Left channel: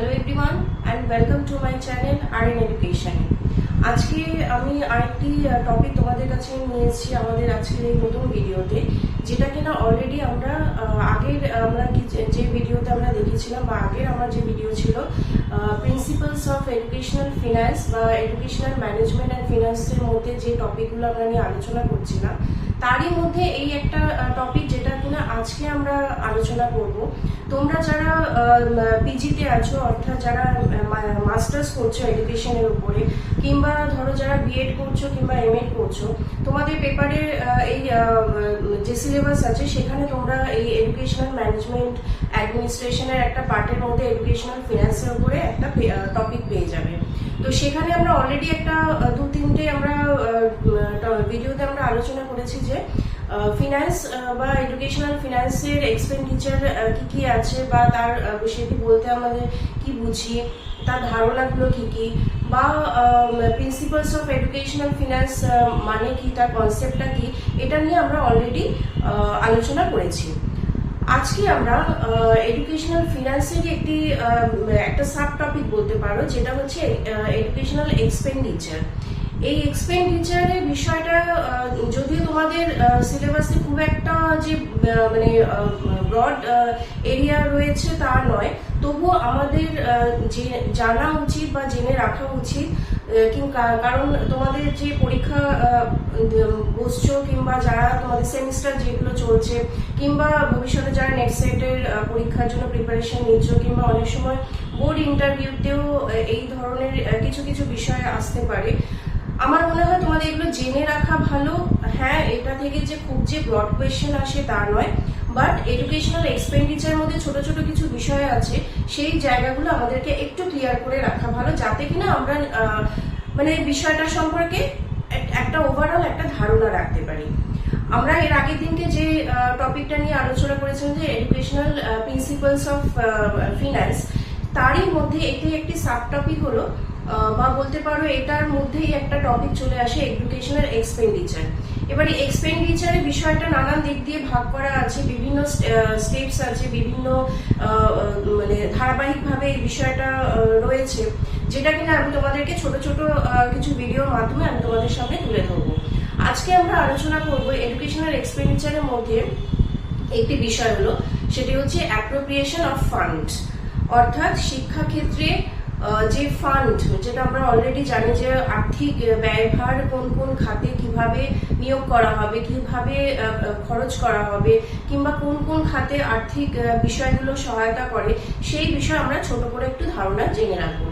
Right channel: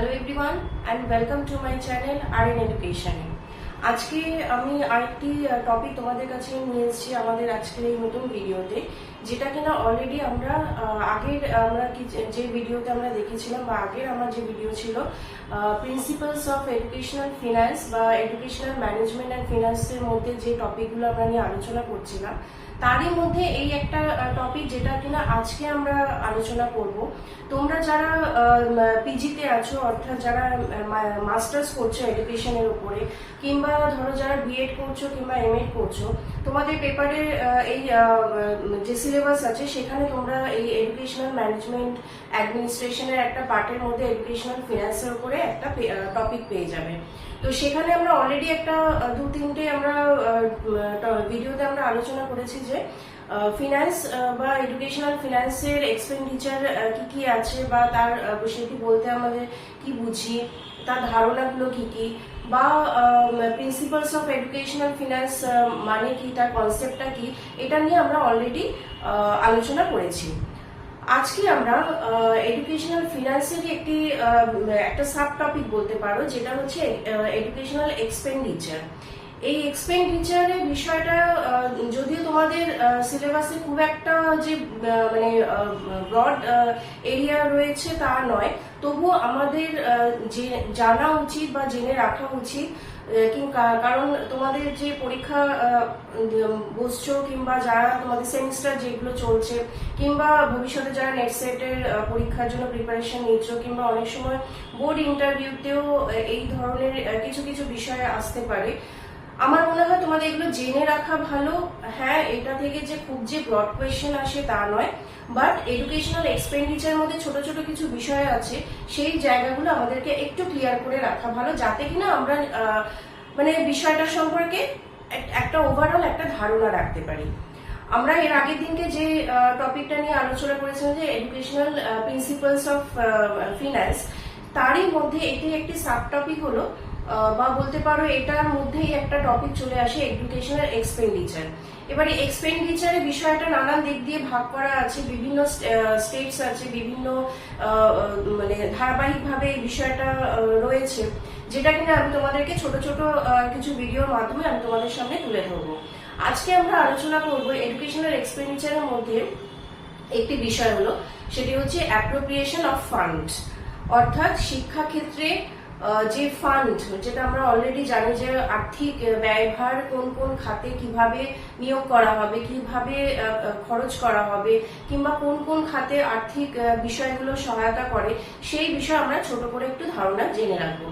Hello everyone and welcome to my channel R education. আজকে আমি আরেকটি টপিক তোমাদের কাছে নিয়ে এসেছি আমাদের আজকের এই নতুন ভিডিওতে, যেটা কিনা অলরেডি আমরা যে ভিডিওতে আমরা দেখেছিলাম বা আগের আমার যে ভিডিও ছিল প্রিন্সিপালস অফ এডুকেশনাল ফিন্যান্স বা এডুকেশনাল ম্যানেজমেন্ট অ্যান্ড ফিন্যান্সের মধ্যে যে টপিকগুলো আমরা নিয়ে আলোচনা করছিলাম, তারই মধ্যে এই একটা টপিক যেটা কিনা আজকে আমরা আলোচনা করব। তোমরা যারা পিজিতে আছো, অর্থাৎ যারা মাস্টার্স করছো এডুকেশনের উপরে, কিংবা ধরো যারা বিএড করছো কিংবা এমএড করছো, তোমাদের পেপারের এই যে সিলেবাস আছে সেখানে তোমরা এই এডুকেশনাল ম্যানেজমেন্ট অ্যাডমিনিস্ট্রেশনের একটা পার্টের মধ্যে এডুকেশনাল ফিন্যান্সের উপরে একটা টপিক পেয়ে যাবে। তো সেখানে আমরা অলরেডি একটা দু তিনটে আমরা ভিডিওতে আমরা আলোচনা করেছি যে ফিন্যান্স বা এডুকেশনাল ফিন্যান্সের এক্সপেন্ডিচার কি কি আছে বা তার সেটি বলতে আমাদের কি বুঝি, তার ধারণাগুলো কি কি, বা প্রিন্সিপালস অফ এডুকেশনাল ফিন্যান্স মানে কি, তার কনসেপ্টটা কি, এটা নিয়ে আমরা অলরেডি আলোচনা করেছি। আজকে আমরা এডুকেশনাল ফিন্যান্সেরই একটা সাব টপিক বলতে পারো, যেটা হচ্ছে এডুকেশনাল এক্সপেন্ডিচার। এই এক্সপেন্ডিচারের বিষয়টা যদিও তোমাদের সিলেবাসে খুব একটা যে মানে ব্রড এরিয়া রয়েছে তা নয়, তবুও আমাদের জানা উচিত বা জেনে রাখা উচিত, কারণ তোমাদের যে পরীক্ষা বসছো কিংবা যারা তোমাদের সেমিস্টার যেগুলো চলছে, কিংবা ভবিষ্যতে যারা নেট সেটের পরীক্ষার জন্য প্রিপারেশন নিচ্ছ, কিংবা অনেক সময় বোর্ড ইন্টারভিউতেও এই ধরনের কিছু কিছু বিষয় আসতে পারে। আমার মনে হয় তোমাদের এগুলো জেনে রাখা ভালো। হ্যাঁ, এটা থেকে যে খুব যে ব্রড কোয়েশ্চেন আসে তা নয়, বাট এডুকেশনাল এক্সপেন্ডিচার মধ্যে ছোট ছোট কিছু বিষয় আছে, সেই জায়গাগুলো আমাদেরকে একটু ক্লিয়ার করে রাখা ভালো, যাতে কিনা আমরা মানে বিষয়টা সম্পর্কে একটা ওভারঅল একটা ধারণা রাখতে পারি। আমরা এর আগের দিনকে যে টপিকটা নিয়ে আলোচনা করেছিলাম যে এডুকেশনাল প্রিন্সিপালস অফ ফিন্যান্স, তারই মধ্যে একটি সাব টপিক হলো বা বলতে পারো এটার মধ্যেই একটা টপিক চলে আসে এডুকেশনাল এক্সপেন্ডিচার। এবারে এক্সপেন্ডিচারের বিষয়টা নানান দিক দিয়ে ভাগ করা আছে, বিভিন্ন স্টেপস আছে, বিভিন্ন মানে ধারাবাহিকভাবে এই বিষয়টা রয়েছে, যেটা কিনা আমি তোমাদেরকে ছোট ছোট কিছু ভিডিওর মাধ্যমে আমি তোমাদের সামনে তুলে ধরবো। আজকে আমরা আলোচনা করব এডুকেশনাল এক্সপেন্ডিচারের মধ্যে একটি বিষয় হলো, সেটি হচ্ছে অ্যাপ্রোপ্রিয়েশন অফ ফান্ড, অর্থাৎ শিক্ষাক্ষেত্রে যে ফান্ড, যেটা আমরা অলরেডি জানি যে আর্থিক ব্যয়ভার কোন কোন খাতে কিভাবে নিয়োগ করা হবে, কিভাবে খরচ করা হবে, কিংবা কোন কোন খাতে আর্থিক বিষয়গুলো সহায়তা করে, সেই বিষয়ে আমরা ছোট করে একটু ধারণা জেনে রাখবো।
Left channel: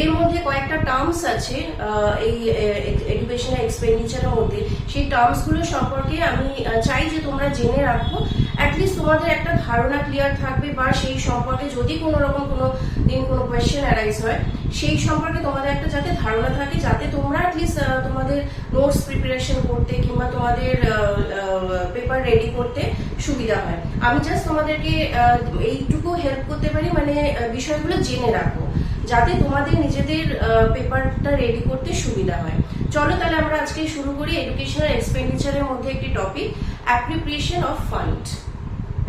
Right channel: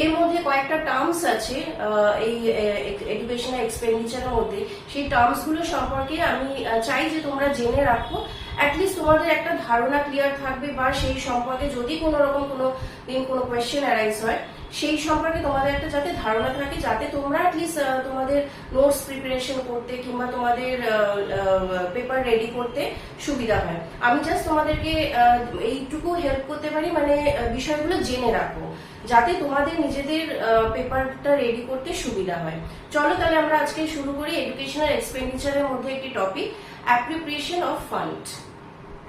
এর মধ্যে কয়েকটা টার্মস আছে এই এডুকেশনাল এক্সপেন্ডিচারের মধ্যে, সেই টার্মসগুলো সম্পর্কে আমি চাই যে তোমরা জেনে রাখো। অ্যাটলিস্ট তোমাদের একটা ধারণা ক্লিয়ার থাকবে, বা সেই সম্পর্কে যদি কোনো রকম কোনো দিন কোনো কোয়েশ্চেন অ্যারাইজ হয়, সেই সম্পর্কে তোমাদের একটা যাতে ধারণা থাকে, যাতে তোমরা অ্যাটলিস্ট তোমাদের নোটস প্রিপারেশন করতে কিংবা তোমাদের পেপার রেডি করতে সুবিধা হয়। আমি জাস্ট তোমাদেরকে এইটুকু হেল্প করতে পারি, মানে বিষয়গুলো জেনে রাখো, যাতে তোমাদের নিজেদের পেপারটা রেডি করতে সুবিধা হয়। চলো তাহলে আমরা আজকে শুরু করি এডুকেশনাল এক্সপেন্ডিচারের মধ্যে একটি topic, appropriation of fund.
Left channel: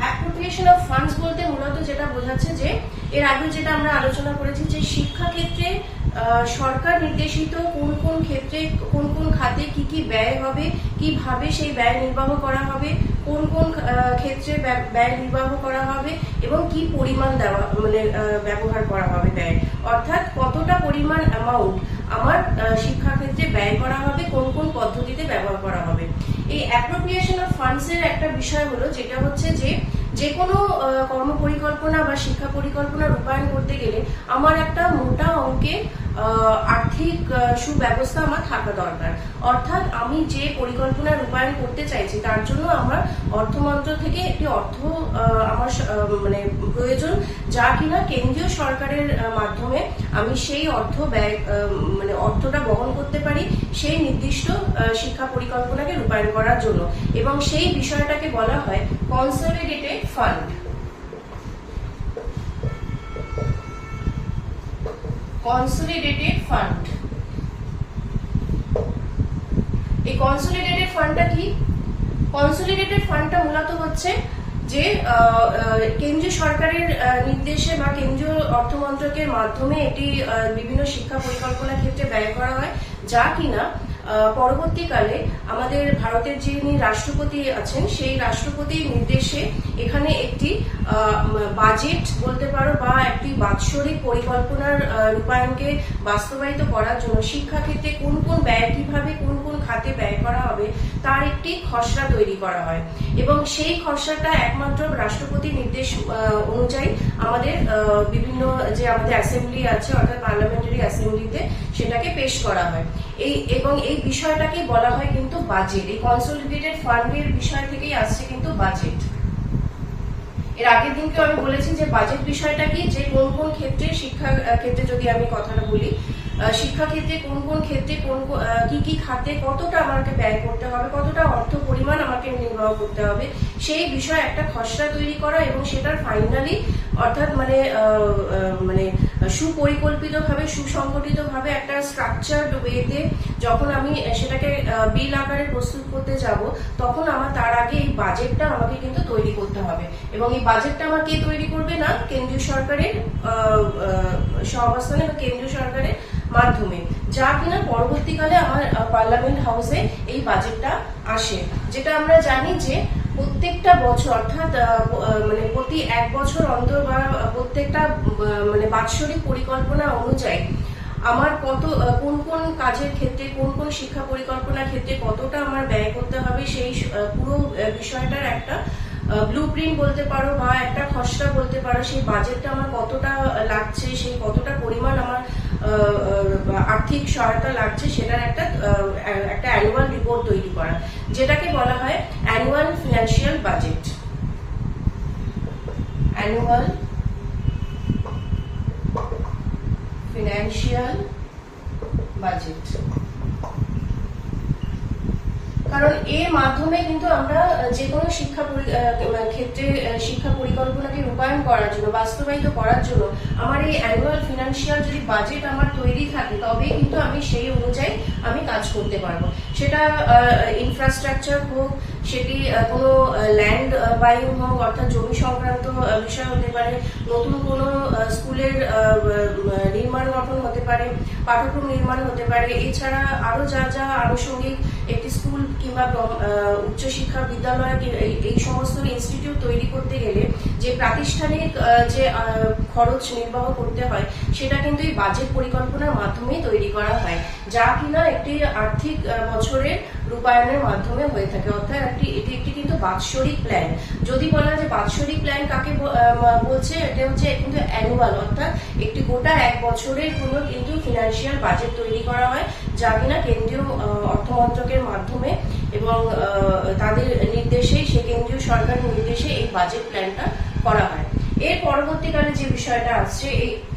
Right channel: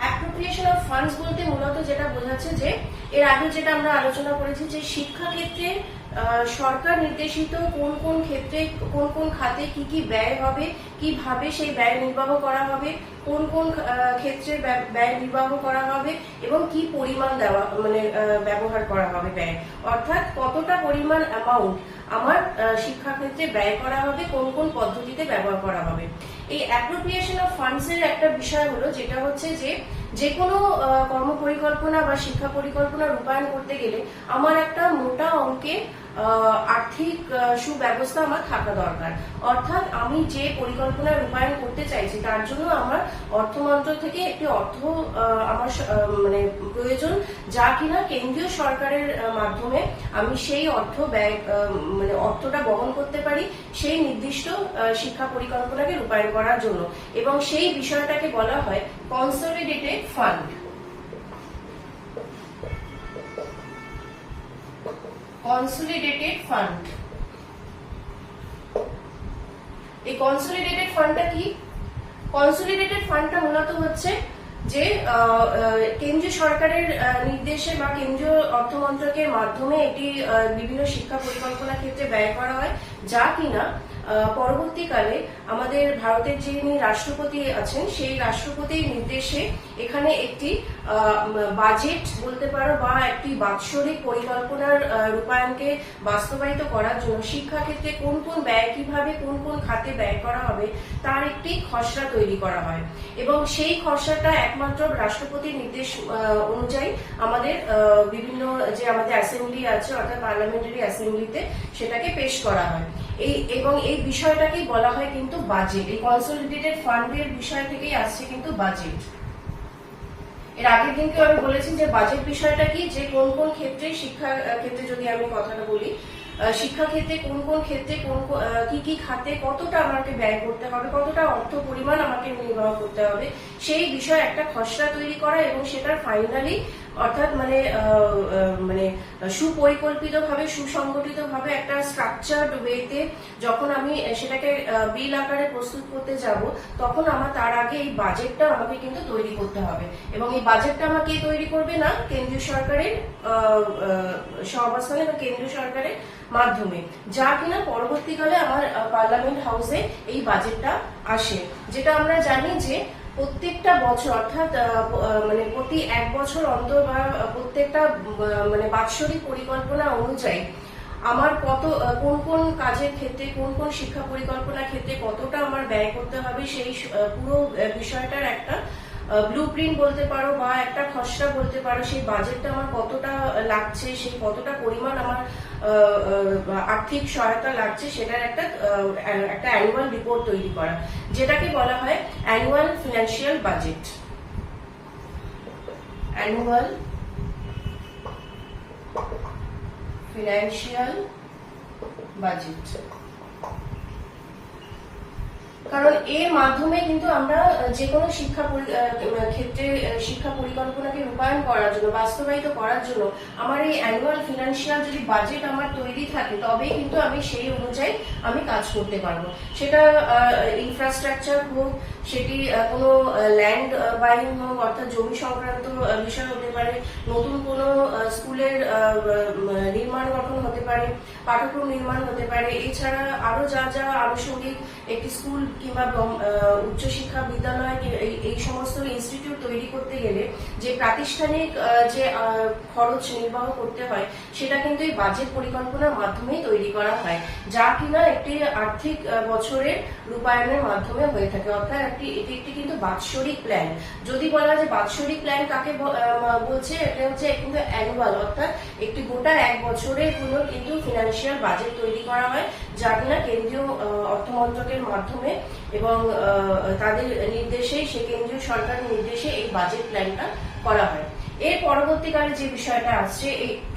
Appropriation of funds বলতে মূলত যেটা বোঝাচ্ছে যে এর আগে যেটা আমরা আলোচনা করেছি যে শিক্ষাক্ষেত্রে সরকার নির্দেশিত কোন কোন ক্ষেত্রে কোন কোন খাতে কি কি ব্যয় হবে, কিভাবে সেই ব্যয় নির্বাহ করা হবে, কোন কোন ক্ষেত্রে ব্যয় নির্বাহ করা হবে, এবং কি পরিমাণ ব্যবহার করা হবে ব্যয়, অর্থাৎ কতটা পরিমাণ অ্যামাউন্ট আমার শিক্ষাক্ষেত্রে ব্যয় করা হবে, কোন কোন পদ্ধতিতে ব্যবহার করা হবে। এই অ্যাপ্রোপ্রিয়েশন অফ ফান্ডস এর একটা বিষয় হলো, যেটা হচ্ছে যে কোনো কর্ম পরিকল্পনা বা শিক্ষা পরিকল্পনা রূপায়ণ করতে গেলে আমার একটা মোটা অঙ্কের আর্থিক সুব্যবস্থা আমার থাকা দরকার। অর্থাৎ আমি যে পরিকল্পনা রূপায়ণ করতে চাইছি তার জন্য আমার অর্থমন্ত্রক থেকে একটি অর্থ আমার মানে প্রয়োজন, যা কিনা কেন্দ্রীয় সরকারের মাধ্যমে আমি সেই অর্থটা বহন করতে পারি সেই নির্দিষ্ট শিক্ষা পরিকল্পনাকে রূপায়ণ করার জন্য, এবং সেই বিষয়টাকে বলা হয় কনসলিডেটেড ফান্ড। কনসলিডেটেড ফান্ড, এই কনসলিডেটেড ফান্ডটা কি? কনসলিডেটেড ফান্ডটা মূলত হচ্ছে যে কেন্দ্রীয় সরকারের নির্দেশে বা কেন্দ্রীয় অর্থমন্ত্রকের মাধ্যমে এটি বিভিন্ন শিক্ষা পরিকল্পনা ক্ষেত্রে ব্যয় করা হয়, যা কিনা পরবর্তীকালে আমাদের ভারতের যিনি রাষ্ট্রপতি আছেন সেই রাষ্ট্রপতির নির্দেশে এখানে একটি বাজেট বলতে পারো বা একটি বাৎসরিক পরিকল্পনার রূপায়ণকে বাস্তবায়িত করার জন্য শিক্ষাক্ষেত্রে কোন কোন ব্যয় কিভাবে কোন কোন খাতে ব্যয় করা হবে তার একটি খসড়া তৈরি করা হয় এবং সেই খসড়াটা একমাত্র রাষ্ট্রপতির নির্দেশ অনুযায়ী আমাদের বিভিন্ন যে আমাদের অ্যাসেম্বলি আছে অর্থাৎ পার্লামেন্টারি অ্যাসেম্বলিতে সেটাকে পেশ করা হয়। এবং এই বিষয়টাকেই বলা হয় কিন্তু বাজেট। এই কনসোলিডেটেড ফান্ডের বিষয় থেকেই আসছে কিন্তু বাজেট। এর আগের দিনকে আমি বলেছি যে বাজেট বিষয়টা কি, যে কোন কোন ক্ষেত্রে শিক্ষা ক্ষেত্রে যদি আমি কথাটা বলি, শিক্ষাক্ষেত্রে কোন কোন ক্ষেত্রে কোন কি কি খাতে কতটা আমাকে ব্যয় করতে হবে, কতটা অর্থ পরিমাণ আমাকে নির্বাহ করতে হবে সেই বিষয়ে একটা খসড়া তৈরি করা এবং সেটার ফাইনালি অর্থাৎ মানে সুপরিকল্পিতভাবে সুসংগঠিতভাবে একটা স্ট্রাকচারড ওয়েতে যখন আমি সেটাকে বিল আকারে প্রস্তুত করতে যাব তখন আমার তার আগে এই বাজেটটা আমাকে কিন্তু তৈরি করতে হবে এবং এই বাজেটটা আমাকে তৈরি করবে না কেন্দ্রীয় সরকারের সহাবস্থানে বা কেন্দ্রীয় সরকারের মাধ্যমে, যা কিনা পরবর্তীকালে আমার পার্লামেন্ট হাউসে এই বাজেটটা আসে। যেটা আমরা জানি যে প্রত্যেকটা বছর অর্থাৎ মানে প্রতি এক বছর অন্তর বা প্রত্যেকটা মানে বাৎসরিক পরিকল্পনা অনুযায়ী আমার কোন কোন কাজের ক্ষেত্রে কোন কোন শিক্ষা পরিকল্পনার ক্ষেত্রে কতটা আমার ব্যয় করতে হবে সেই পুরো বিষয়টার একটা ব্লুপ্রিন্ট বলতে পারো বা একটা খসড়া বলতে পারো, সেই বাজেটটা আমার কতটা লাগছে, সেই কতটা পরিমাণ আমার আর্থিক সহায়তা লাগছে সেটার একটা অ্যানুয়াল রিপোর্ট তৈরি করা, যেটাকে বলা হয় annual financial budget. Annual financial budget, কারণ এর মাধ্যমে কিন্তু আমরা যে কোনো শিক্ষা ক্ষেত্রে শিক্ষা পরিকল্পনাকে রূপায়ণ করার জন্য বাস্তবায়িত করার জন্য আমার এই অ্যানুয়াল ফিনান্সিয়াল যদি বাজেট আমার তৈরি থাকে তবেই কিন্তু আমি সেই অনুযায়ী আমি কাজ করতে পারবো। সেটা ইনফ্রাস্ট্রাকচার হোক, সেটি কোনো ল্যান্ড বাইং হোক অর্থাৎ জমি সংক্রান্ত বিষয় হতে পারে, নতুন কোনো স্কুলের নির্মাণ গঠন হতে পারে, পাঠ্যক্রম নির্মাণ হতে পারে, এছাড়া আরো যা যা আনুষঙ্গিক একটি স্কুল কিংবা উচ্চশিক্ষা বিদ্যালয় এই সমস্ত ইনস্টিটিউট তৈরি করতে গেলে যে প্রাতিষ্ঠানিক যে খরচ নির্বাহ করতে হয় সেটা কিন্তু এই বাজেট পরিকল্পনার মাধ্যমে তৈরি করা হয়, যা কিনা একটি আর্থিক বছরের রূপায়ণের মাধ্যমে হয়ে থাকে। অর্থাৎ এটি একটি কিন্তু বাৎসরিক প্ল্যান। যদি বলা হয় যে বাৎসরিক প্ল্যান কাকে বলছে, এটা হচ্ছে কিন্তু অ্যানুয়াল, অর্থাৎ একটি গোটা এক বছরের কোনো কিন্তু ফিনান্সিয়াল বাজেট তৈরি করা হয়, যা কিনা কেন্দ্রীয় অর্থমন্ত্রকের মাধ্যমে এবং তাদের নির্দেশে সে কেন্দ্রীয় সরকারের নির্দেশে এই বাজেট প্ল্যানটা করা হয়। এর পরবর্তীকালে যে বিষয়টা আসছে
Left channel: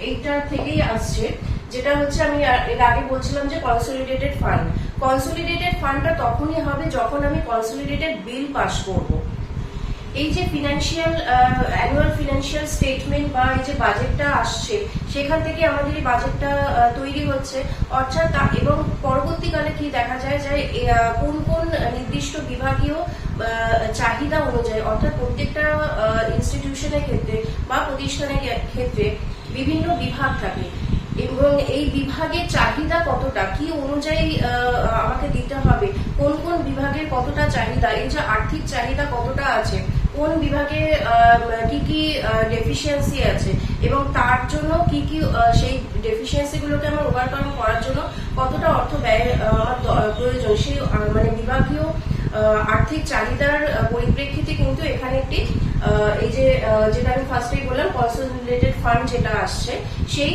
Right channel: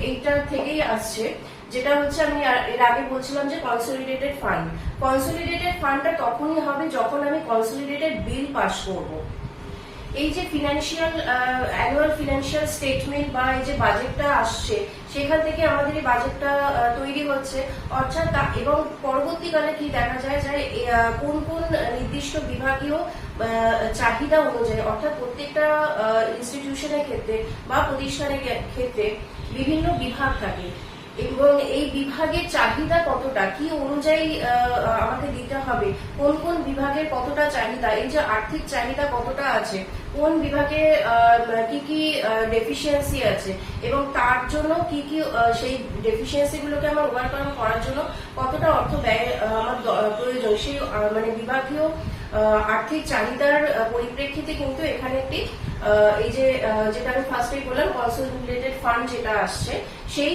এইটার থেকেই আসছে, যেটা হচ্ছে আমি এর আগে বলছিলাম যে কনসোলিডেটেড ফান্ড। কনসোলিডেটেড ফান্ডটা তখনই হবে যখন আমি কনসোলিডেটেড বিল পাস করব। এই যে ফিনান্সিয়াল অ্যানুয়াল ফিনান্সিয়াল স্টেটমেন্ট বা এই যে বাজেটটা আসছে সেখান থেকে আমাদের এই বাজেটটা তৈরি হচ্ছে, অর্থাৎ এবং পরবর্তীকালে কি দেখা যায় যে কোন কোন নির্দিষ্ট বিভাগীয় চাহিদা অনুযায়ী অর্থাৎ প্রত্যেকটা ইনস্টিটিউশনের ক্ষেত্রে বা প্রতিষ্ঠানের ক্ষেত্রে বিভিন্ন বিভাগ থাকে এবং এই বিভাগের চাহিদা কতটা কি অনুযায়ী আমাকে দিতে হবে, কোন কোন বিভাগের কতটা চাহিদা, এই যে আর্থিক চাহিদা কতটা আছে, কোন বিভাগে কি কি ডেফিসিয়েন্সি আছে এবং তার জন্য কি কি সেই ডেফিসিয়েন্সি গুলোকে আমার ওভারকাম করার জন্য কতটা অর্থ ব্যয় প্রয়োজন, সেই মানে বিভাগীয় আর্থিক চাহিদার পরিপ্রেক্ষিতে কিন্তু এখানে একটি এই যে যেটা আমি ফার্স্টেই বললাম কনসোলিডেটেড ফান্ড যেটা আসছে সেই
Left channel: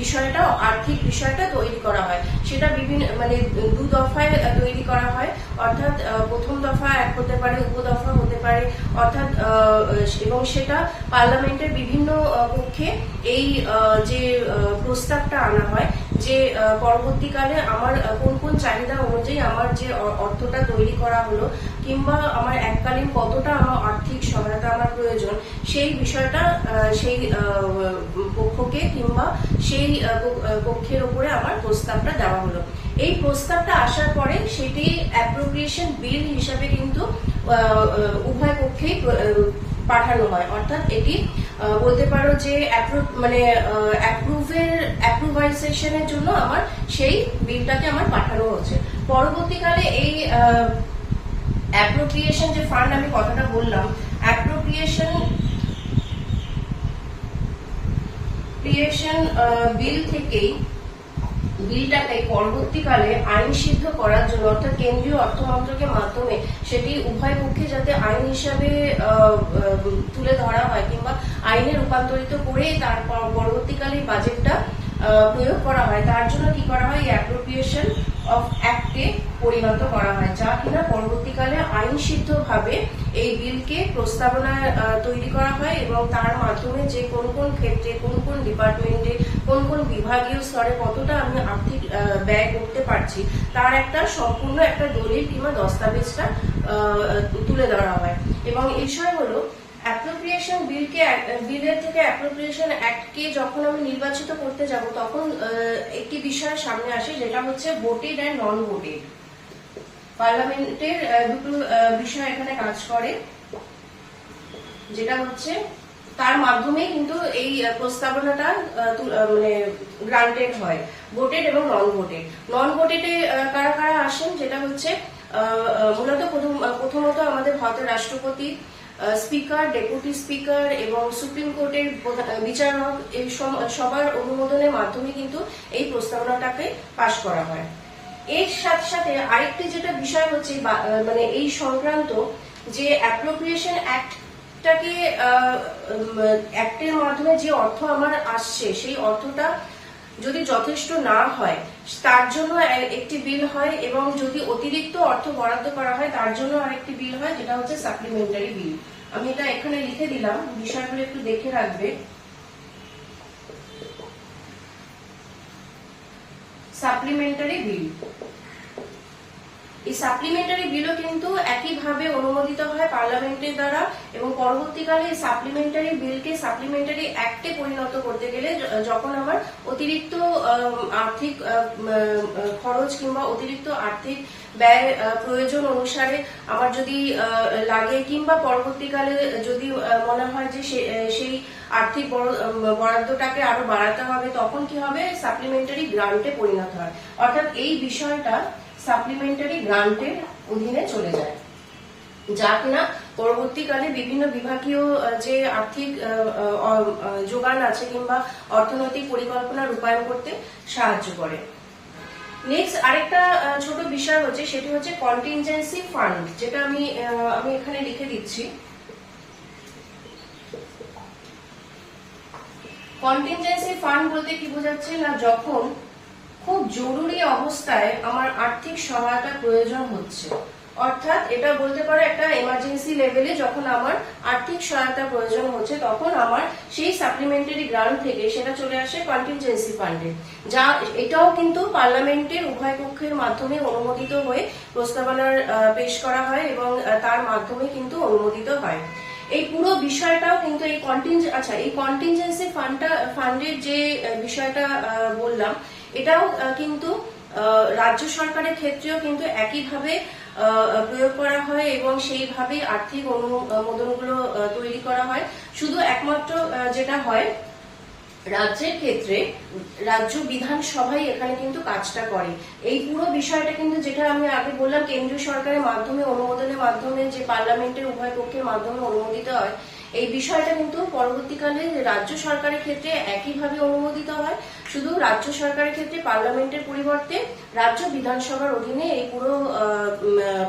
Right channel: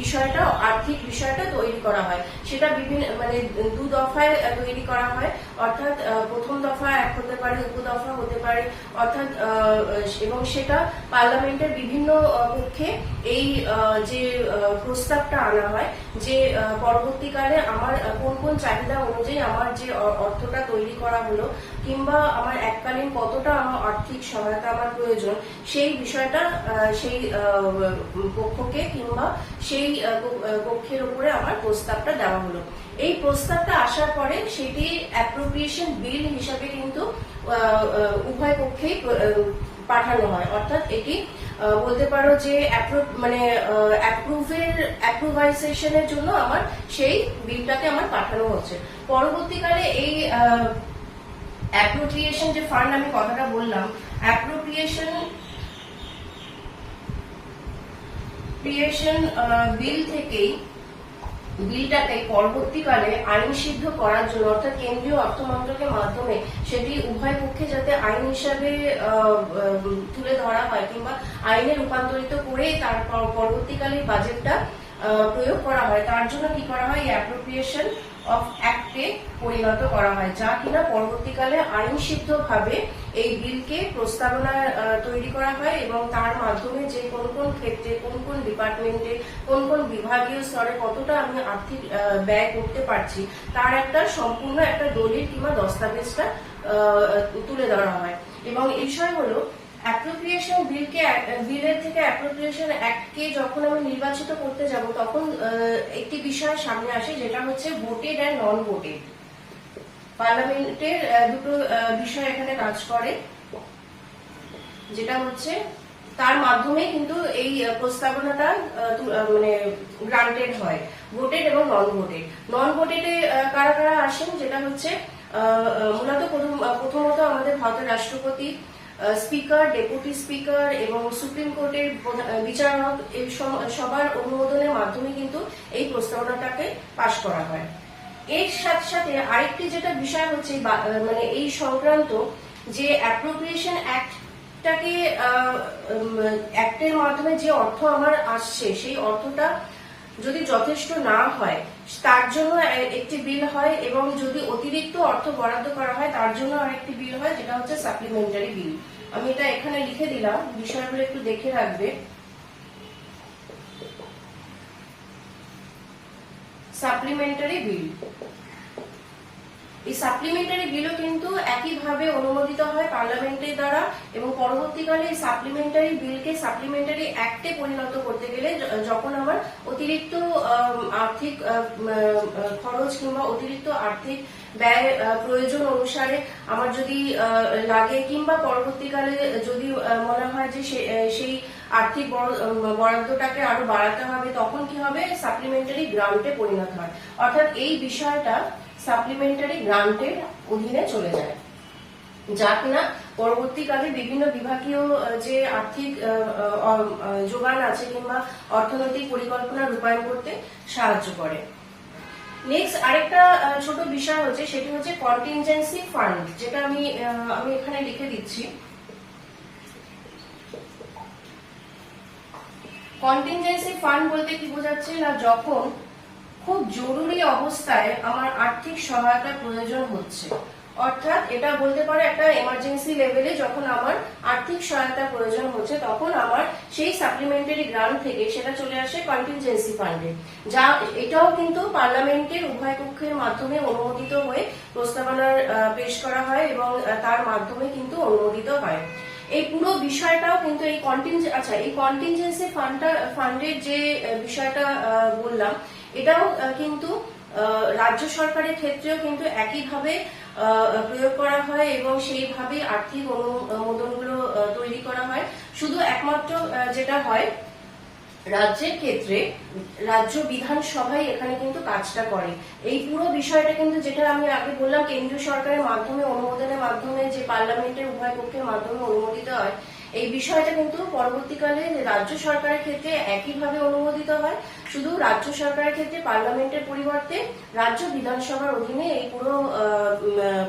বিষয়টা আর্থিক বিষয়টা তৈরি করা হয়। সেটা বিভিন্ন মানে দু দফায় তৈরি করা হয়, অর্থাৎ প্রথম দফা এক হতে পারে, উপদফা হতে পারে, অর্থাৎ এবং সেটা পার্লামেন্টের বিভিন্ন পক্ষে এই যে প্রস্তাবটা আনা হয় যে পরবর্তীকালে আমার কোন কোন চাহিদা অনুযায়ী আমার যে অর্থটা তৈরি করা হলো কিংবা আমার এককালীন কতটা আমার আর্থিক সহায়তা আমার প্রয়োজন, সেই বিষয়টা সেই পক্ষকে কিংবা সেই পক্ষের উপরে আমার প্রস্তাবটা দেওয়া হলো। এই প্রস্তাবটা আসার পরে সেটি অ্যাপ্রোপ্রিয়েশন বিল হিসাবে কিন্তু উভয় পক্ষেই পাঠানো হয়। অর্থাৎ এটি বলতে পারো যে অ্যাপ্রুভাইজেশনের জন্য আমার সেই বিলটাকে আমার পাঠানো হচ্ছে। পরবর্তীকালে এই অ্যাপ্রোপ্রিয়েশন যে ফান্ড আমি কথাটা বললাম, অ্যাপ্রোপ্রিয়েশন বিল থেকেই বিলটাকে পরবর্তীকালে আইন সিদ্ধ করার জন্য, অর্থাৎ কেন্দ্রীয় অর্থ মন্ত্রকের মাধ্যমে সেটি উভয় পক্ষে যাতে আইন হিসাবে তুলে ধরা হয় কিংবা আইনে রূপান্তরিত করে তার পরবর্তীকালে বাজেটটা প্রয়োগ করা হয়, তার জন্য কি করা হয়, অ্যাপ্রোপ্রিয়েশন অফ অ্যাক্টে পরিণত করা হয়, যা কিনা পরবর্তীকালে আইন সিদ্ধ ভাবে এই বিলকে প্রস্তাবনা তৈরি করা হয় এবং তার মাধ্যমে যে কোন কোন ক্ষেত্রে কোন কোন ডিপার্টমেন্টে কোন কোন বিভাগীয় স্তরে কতটা আমি আর্থিক ব্যয় করতে পারছি তার একটা সম্পূর্ণ একটা দলিল কিংবা দস্তাবেজটা তুলে ধরা হয়। এবং এই বিষয় হলো অ্যাপ্রোপ্রিয়েশন বিলের থেকে অ্যাপ্রোপ্রিয়েশন অ্যাক্টকে যখন আমি নির্বাচিত করতে যাব তখন একটি বিষয় সামনে আসে, যেটা হচ্ছে ভোটেড অ্যান্ড নন ভোটেড। পার্লামেন্টের দুটো বিষয় এখানে কাজ করে, যেটা হচ্ছে তার মাধ্যমে কিন্তু এই প্রস্তাবনাটা গ্রান্টেড হয়, ভোটেড এবং নন ভোটেড। নন ভোটেডে কারা কারা আসেন, যেটা হচ্ছে মূলত প্রথমত আমাদের ভারতের রাষ্ট্রপতি, স্পিকার, ডেপুটি স্পিকার এবং সুপ্রিম কোর্টের বিচারক, এই সবার অনুমোদনের মাধ্যমে কিন্তু এই প্রস্তাবনাটাকে পাশ করা হয়। এর সাথে সাথে আরেকটি যেটা বিষয় হচ্ছে এই সংক্রান্ত যে অ্যাপ্রোপ্রিয়েশন অ্যাক্টের মাধ্যমে যে অর্থ আমার আসছে সেই অর্থটা যদি যথেষ্ট না হয় তার জন্য একটি বিল হয়, এবং যদি অতিরিক্ত অর্থ বরাদ্দ করা হয় তার জন্য আরেকটি বিল হয়, যেটা হচ্ছে সাপ্লিমেন্টারি বিল। আমি এটা এখানে লিখে দিলাম, বিষয়গুলো একটু দেখে রাখবে। সাপ্লিমেন্টারি বিল, এই সাপ্লিমেন্টারি বিলও কিন্তু একইভাবে অনুমোদিত হয় পার্লামেন্টের দ্বারা, এবং পরবর্তীকালে এই সাপ্লিমেন্টারি বিলকে সাপ্লিমেন্টারি অ্যাক্টে পরিণত করতে গেলে যখন আমার অতিরিক্ত আর্থিক খরচ কিংবা অতিরিক্ত আর্থিক ব্যয় প্রয়োজন অনুসারে আমার যদি লাগে, কিংবা পরবর্তীকালে যদি মনে হয় যে সেই আর্থিক বরাদ্দটাকে আরো বাড়াতে হবে, তখন কি হবে, সাপ্লিমেন্টারি গ্রান্টে পরিণত হয়। অর্থাৎ এই বিষয়টা সাপ্লিমেন্টারি গ্রান্টের অধীনে চলে যায়, যা কিনা পরবর্তীকালে বিভিন্ন বিভাগীয় যে আর্থিক যোগান আছে কিংবা অর্থনৈতিক পরিকল্পনা রূপায়ণ করতে সাহায্য করে। নেক্সট আরেকটা ছোট বিষয় হচ্ছে, সেটি হচ্ছে কন্টিনজেন্সি ফান্ড, যেটা আমি এখানে লিখে দিচ্ছি। কন্টিনজেন্সি ফান্ড বলতে কি বোঝাচ্ছে না, যখন খুব জরুরি অবস্থায় আমার আর্থিক সহায়তা প্রয়োজন হচ্ছে, অর্থাৎ এটা বলতে পারে একটা এমার্জেন্সি লেভেলে যখন আমার আর্থিক সহায়তা প্রয়োজন হচ্ছে, তখন আমার সেই সাপ্লিমেন্টারি গ্রান্ট থেকে সেটা চলে আসে কন্টিনজেন্সি ফান্ডে, যা এটাও কিন্তু পার্লামেন্টের উভয় পক্ষের মাধ্যমে অনুমোদিত হয়ে প্রস্তাবনার পেশ করা হয় এবং তার মাধ্যমে কিন্তু অনুমোদিত হয়। এই পুরো বিষয়টাও কিন্তু এই কন্টিনজেন্সি ফান্ডের যে বিষয়টা বললাম, এটাও কিন্তু রাজ্য সরকারের ক্ষেত্রেও কিন্তু একইভাবে প্রয়োগ করা হয় এবং সেইভাবেই আর্থিক অনুমোদনগুলো তৈরি করা হয়। শুধু একমাত্র যেটা হয় রাজ্যের ক্ষেত্রে রাজ্য বিধানসভায় এখানে কিন্তু কাজটা করে। এই পুরো বিষয়টা কিন্তু, যেটা আমি আগে বললাম, কেন্দ্রীয় সরকারের মাধ্যমে অনুমোদনের মাধ্যমে যে পার্লামেন্টের উভয় পক্ষের মাধ্যমে অনুমোদিত হয়, এই বিষয়টা কিন্তু পরবর্তীকালে রাজ্য সরকারের ক্ষেত্রে একইভাবে অনুমোদিত হয়। শুধু রাজ্য সরকারের ক্ষেত্রে পার্লামেন্টের পরিবর্তে রাজ্য বিধানসভার অধীনে এই পুরো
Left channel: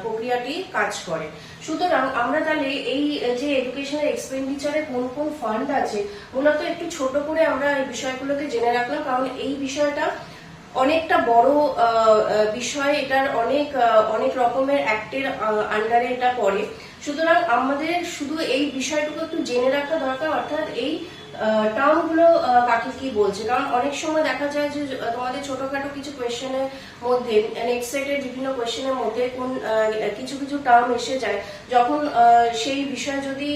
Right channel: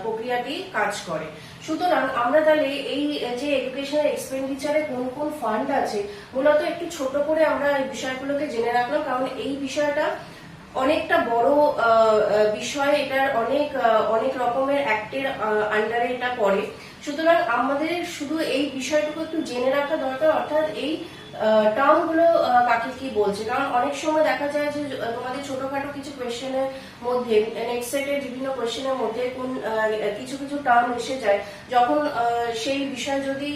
প্রক্রিয়াটি কাজ করে। সুতরাং আমরা তাহলে এই যে এডুকেশনাল এক্সপেন্ডিচারে কোন কোন ফান্ড আছে, মূলত একটু ছোট করে আমরা এই বিষয়গুলোকে জেনে রাখলাম, কারণ এই বিষয়টা অনেকটা বড় বিষয়, এটার অনেক রকমের অ্যাক্টের আন্ডারে এটা পড়ে। সুতরাং আমাদের শুধু এই বিষয়টুকু একটু জেনে রাখা দরকার, অর্থাৎ এই টার্ম গুলো কাকে কি বলছে, কারণ অনেক সময় দেখা যায় যে তোমাদের ছোটখাটো কিছু কোয়েশ্চেনের মধ্যে নেক্সট সেটের বিভিন্ন কোয়েশ্চেনের মধ্যে কোন কিছু কিছু টার্ম এসে যায়, যখন সেই বিষয়ে যদি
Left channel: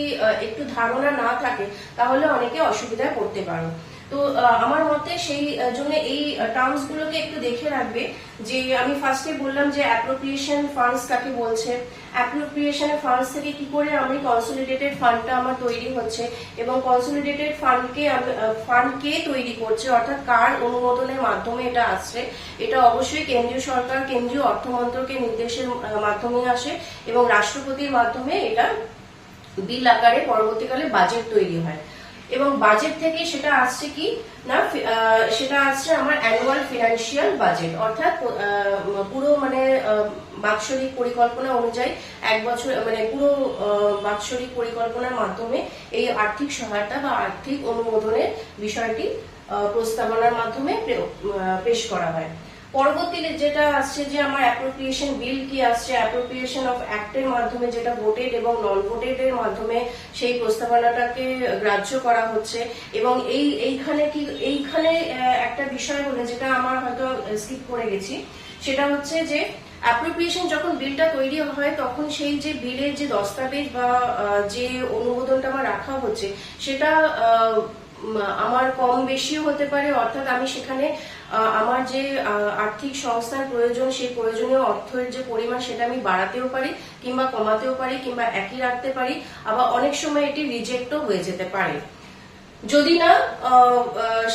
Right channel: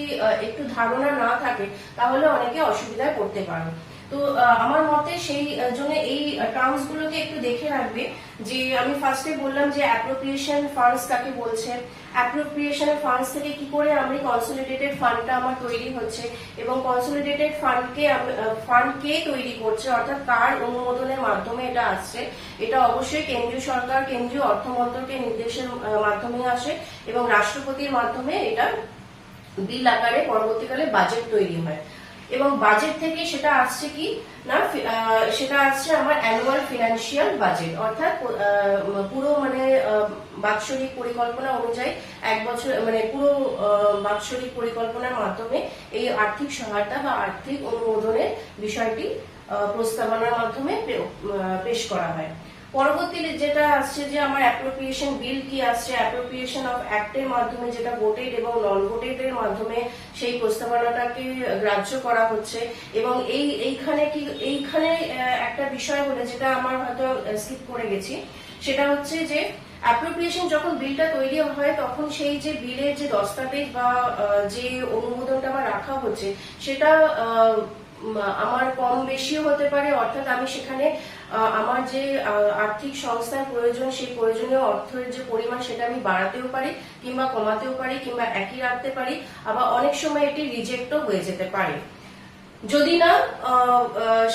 একটু ধারণা না থাকে তাহলে অনেকে অসুবিধায় পড়তে পারে। তো আমার মতে সেই জন্য এই টার্মস গুলোকে একটু দেখে রাখবে। যে আমি ফার্স্টে বললাম যে অ্যাপ্রোপ্রিয়েশন ফান্ডস কাকে বলছে, অ্যাপ্রোপ্রিয়েশন ফান্ডস থেকে কি করে আমি কনসলিডেটেড ফান্ডটা আমার তৈরি হচ্ছে, এবং কনসলিডেটেড ফান্ডকে তৈরি করছে, অর্থাৎ কার অনুমোদনের মাধ্যমে এটা আসছে। এটা অবশ্যই কেন্দ্রীয় সরকার, কেন্দ্রীয় অর্থ মন্ত্রকের নির্দেশের মাধ্যমে আসে এবং রাষ্ট্রপতির মাধ্যমে এটা বিল আকারে পরবর্তীকালে বাজেট তৈরি হয়। এবং বাজেট থেকে সেটা আসছে কি না, সেটা আসছে আমার অ্যানুয়াল ফিনান্সিয়াল বাজেট, অর্থাৎ পুরো মানে বাৎসরিক পরিকল্পনা অনুযায়ী এক বছর মানে পুরো বাৎসরিক পরিকল্পনার মাধ্যমে এই আর্থিক সহায়তা বা আর্থিক অনুমোদনের বিষয়টি প্রস্তাবনার মাধ্যমে পেশ করা হয়। পরবর্তীতে যেটা আসছে যে আমার অ্যাপ্রোপ্রিয়েশন বিল কি আসছে, অ্যাপ্রোপ্রিয়েশন অফ অ্যাক্টের মাধ্যমে যেটা ভোটেড এবং নন ভোটেড এর মাধ্যমে সেই প্রস্তাবনাটাকে গ্রাহ্য করা হচ্ছে। এবং এইখানে একটা বিষয় হলো যেটা আমার হয়তো স্কিপ করে গেছি, সেটা হচ্ছে যে অ্যাপ্রোপ্রিয়েশন যখন বিলটা তৈরি হয় তখন সেই যে বিলের যে দস্তাবেজ বা যে অনুমোদনটা আমার রাখা হচ্ছে সেটা আমার কম বেশিও হতে পারে, অর্থাৎ আমি সেখানে আমার যে আর্থিক সংস্থার প্রয়োজন সেই প্রয়োজনীয় অর্থের যে পরিমাণ সেটা আমি বাড়াতেও পারি কিংবা কমাতেও পারি কিংবা একই রাখতে পারি, আবার অনেক সময় এটি রিজেক্টও হয়ে যেতে পারে যদি না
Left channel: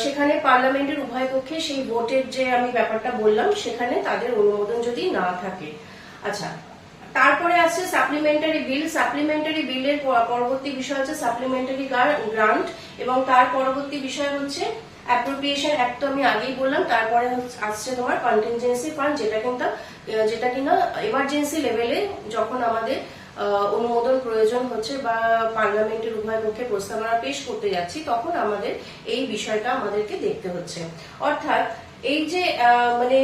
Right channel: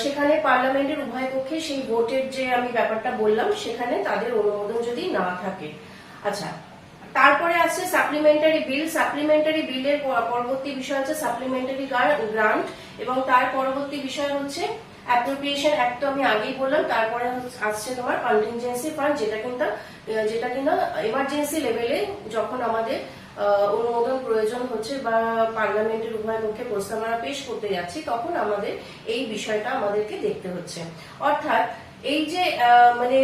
সেখানে পার্লামেন্টের উভয় পক্ষে সেই ভোটের যে আমি ব্যাপারটা বললাম সেখানে তাদের অনুমোদন যদি না থাকে। আচ্ছা, তারপরে আছে সাপ্লিমেন্টারি বিল। সাপ্লিমেন্টারি বিলের পরবর্তী বিষয় হচ্ছে সাপ্লিমেন্টারি গ্রান্ট, এবং তার পরবর্তী বিষয় হচ্ছে অ্যাপ্রোপ্রিয়েশন অ্যাক্ট তো আমি আগেই বললাম। তারপরে আসছে তোমার কন্টিনজেন্সি ফান্ড, যেটা কিনা এমার্জেন্সি লেভেলে যখন আমাদের অনুমোদন প্রয়োজন হচ্ছে বা পার্লামেন্টের উভয় পক্ষে প্রস্তাবনা পেশ করতে যাচ্ছি তখন আমাদের এই বিষয়টা আমাদেরকে দেখতে হচ্ছে। অর্থাৎ এই যে মানে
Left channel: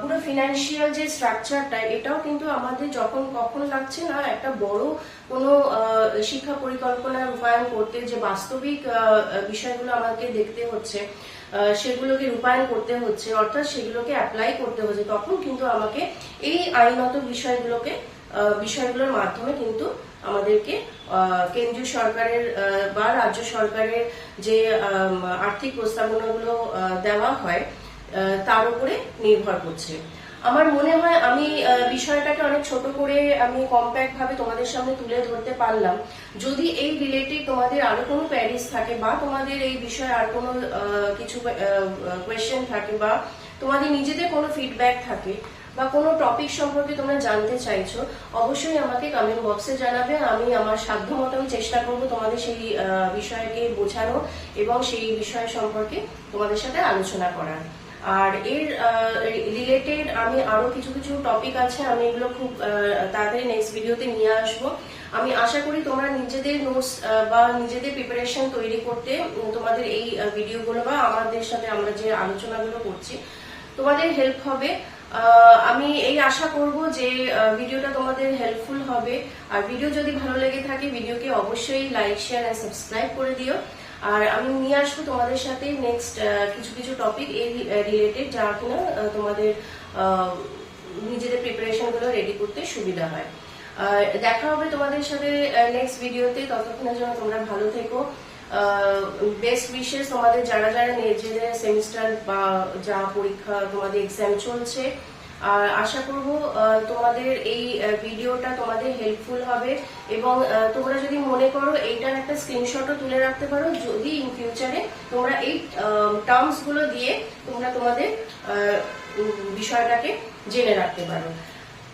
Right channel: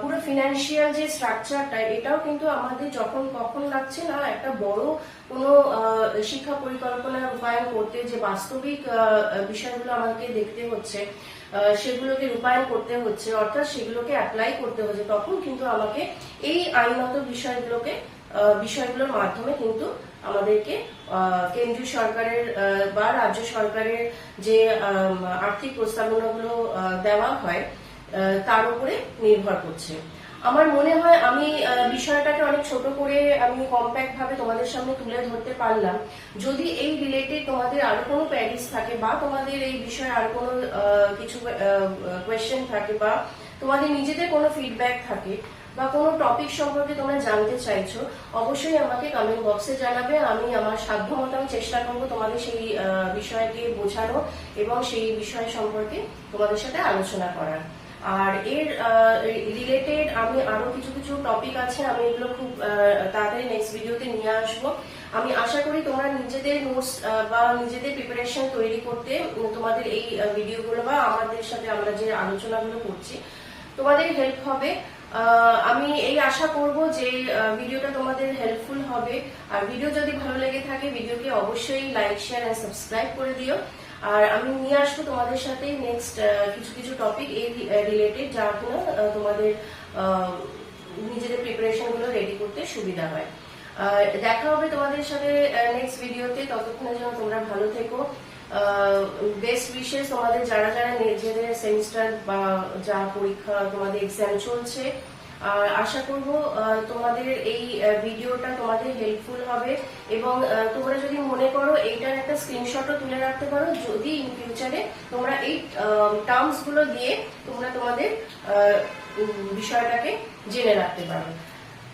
পুরো ফিনান্সিয়াল যে স্ট্রাকচারটা এটাও কিন্তু আমাদের যখন কখন লাগছে না একটা বড় কোনো শিক্ষা পরিকল্পনা রূপায়ণ করতে যে বাস্তবিক বিষয়গুলো আমাকে দেখতে হচ্ছে, সেগুলোকে রূপায়ণ করতে হচ্ছে, অর্থাৎ সেগুলোকে অ্যাপ্লাই করতে হচ্ছে, তখন কিন্তু আমাকে এই আইনত বিষয়গুলোর মাধ্যমে কিন্তু আমাদেরকে কেন্দ্রীয় সরকারের বা রাজ্য সরকারের যে আর্থিক প্রস্তাবনাগুলো দেওয়া হয় তার উপরে নির্ভর করছে। আমার মনে হয় আমি বিষয়টাকে অনেক ছোট করে আমি কম্প্যাক্ট ভাবে তোমাদের সামনে তুলে ধরতে পারলাম। যদি এই রিলেটেড তোমাদের আরো কোনো কোয়েরিজ থাকে বা তোমাদের এই বিষয়ে আর কোনো কিছু কোয়েশ্চেন থাকে বা তোমাদের নিজেদের কোনো ফিডব্যাক থাকে বা কোনো টপিক সম্পর্কে তোমরা জানতে চাইছো, অবশ্যই আমাকে কমেন্ট বক্সে জানাবে। আমি আমার সাধ্যমতো আমি চেষ্টা করবো তোমাদের সেই বিষয়কে বোঝানো এবং সেই বিষয় সম্পর্কে তোমাদের সাথে আলোচনা করার। আর এর রিলেটেড আমি আরো কিছু কিছু টপিক আছে, আমি এগুলো খুব তাড়াতাড়ি নেক্সট ভিডিওতে নিয়ে আসবো। আমি আশা করি তোমরা নিজেদের নোটস বা নিজেদের প্রিপারেশন তৈরি করতে তোমাদের এই ভিডিওগুলো বা আমাদের সাথে আমরা যে আলোচনাগুলো করছি তোমাদের হেল্প হবে। আমি এই আশা করব যে ভিডিওটা তোমাদের হেল্পফুল হবে। আর ভিডিও যদি ভালো লেগে থাকে ভিডিওকে অবশ্যই লাইক শেয়ার এন্ড সাবস্ক্রাইব করে দিও। আর আমি নিয়ে আসবো তোমাদের সাথে নেক্সট কিছু কিছু টপিক এই রিলেটেড যা কিনা তোমাদের নিজেদের প্রিপারেশন গুলো রেডি করতে সুবিধা হয়। দেখা হবে তোমাদের সাথে নেক্সট ভিডিওতে, ততক্ষণের জন্য তোমরা ভালো থেকো। বেস্ট উইশেস তোমাদের যারা যারা নিজেদের সেমিস্টার বা যা পরীক্ষা তোমাদের এক্সাম চলছে। আর আশা করব তোমাদের এই ভিডিওটা তোমাদের হেল্পফুল হবে এবং তোমরা যদি মনে করো এইটার একটা স্ক্রিনশটও তুলে রাখতে পারো, যদি ইন ফিউচারে তোমরা এই টার্মস গুলো দিয়ে তোমরা তোমাদের বিষয়টাকে জেনে রাখতে পারো।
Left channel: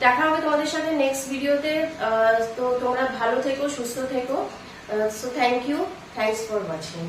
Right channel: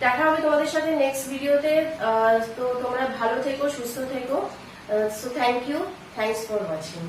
দেখা হবে তোমাদের সাথে নেক্সট ভিডিওতে। তো তোমরা ভালো থেকো, সুস্থ থেকো। So thank you. Thanks for watching.